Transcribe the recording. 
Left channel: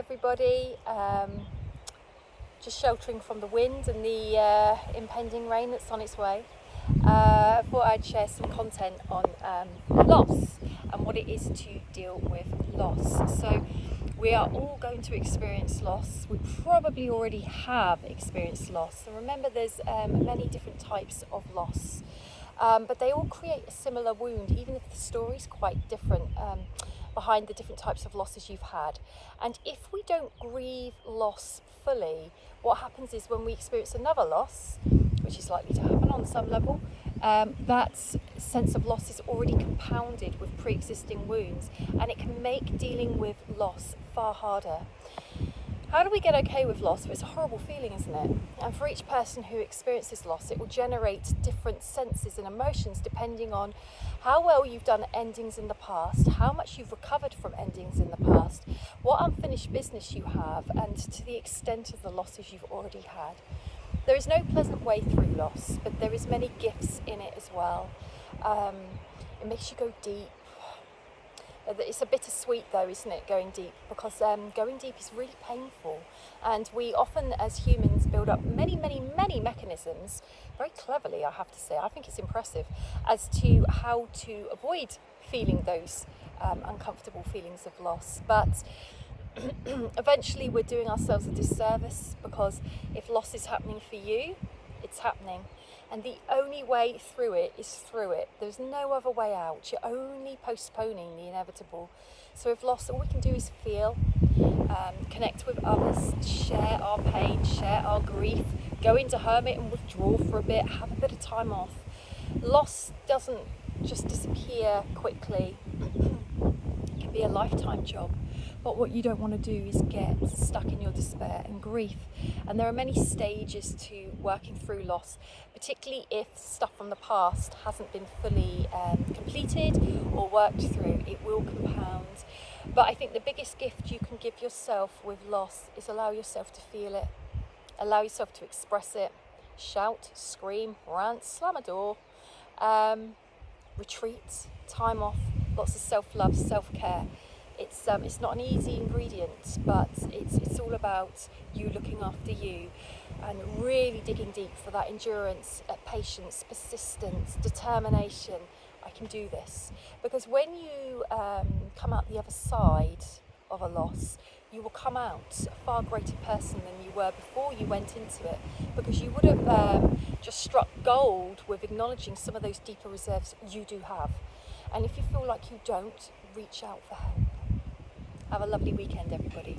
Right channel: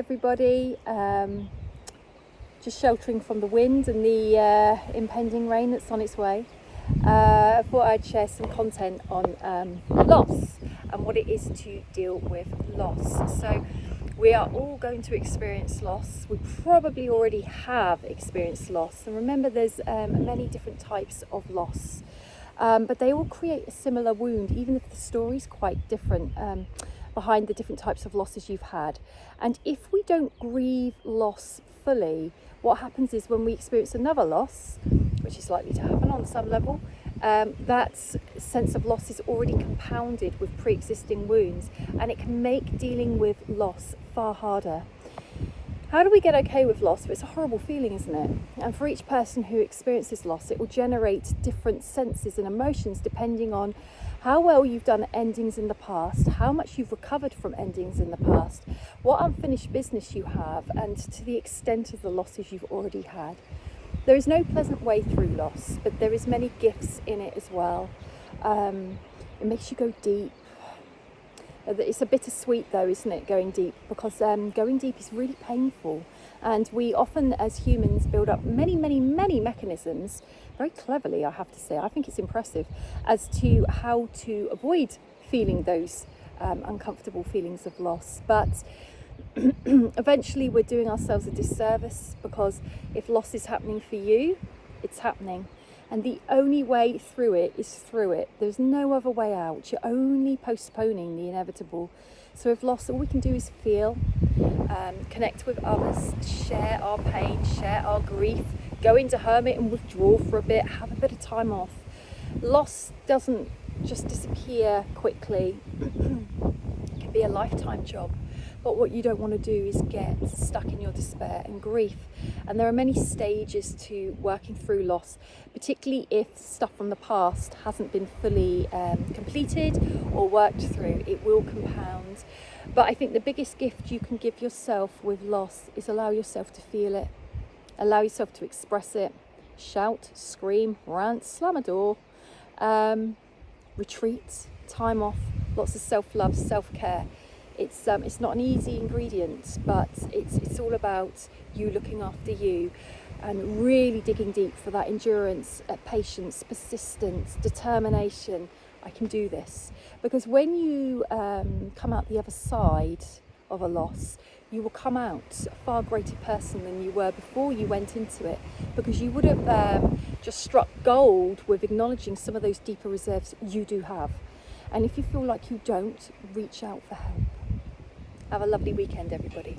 everybody. Just sheltering from the wind and the impending rain that's on its way. I thought I'd share some content on loss and what it is to deal with loss. So we are all going to experience loss. We probably already have experienced loss, and remember there's many different types of loss, but they all create a similar wound, even if the story's quite different behind the different types of losses you've had. And if we don't grieve loss fully, what happens is when we experience another loss, which is likely to happen on some level, that sense of loss is already compounded with pre-existing wounds, and it can make dealing with loss far harder. How do we get okay with loss? It's a horrible feeling, isn't it? And for each person who experiences loss, it will generate different senses and emotions depending on how well you've done endings in the past, how much you've recovered from endings in the past, what unfinished business you have, and to the extent of the losses you've already had. There is no pleasant way through loss, but there is many gifts in it as well. It makes you go deep. It's a bittersweet though, isn't it, going deep, because going deep is really painful, and we often as humans build up many mechanisms, very cleverly I have to say. I think it's impressive as to how to avoid feeling those uncomfortable feelings of loss, but eventually we're doing ourselves a disservice, because if loss is happening for you, it's happening. And the only way through it is through it. There's no other way out. You're only postponing the inevitable. So with loss, all we can do is feel, connect with others, share our pain, share our grief, go into hermit and withdraw for a bit, have a bit of time off. Loss doesn't just disappear quickly. It can be a lifetime job. But what you don't want to do is get stuck in your despair and grief. And there are many stages to working through loss, particularly if stuff from the past hasn't been fully completed or worked through. It will compound. But I think the biggest gift you can give yourself with loss is allow yourself to feel it. Allow yourself to express it. Shout, scream, rant, slam a door. Retreat, time off, lots of self-love, self-care. It's not an easy ingredient, but it's all about you looking after you and really digging deep for that endurance, patience, persistence, determination. I can do this. Because when you come out the other side of a loss, you will come out a far greater person than you were before you went into it, because you would have just struck gold with acknowledging some of those deeper reserves you do have. And if you feel like you don't, reach out for help. Have a lovely weekend, everybody.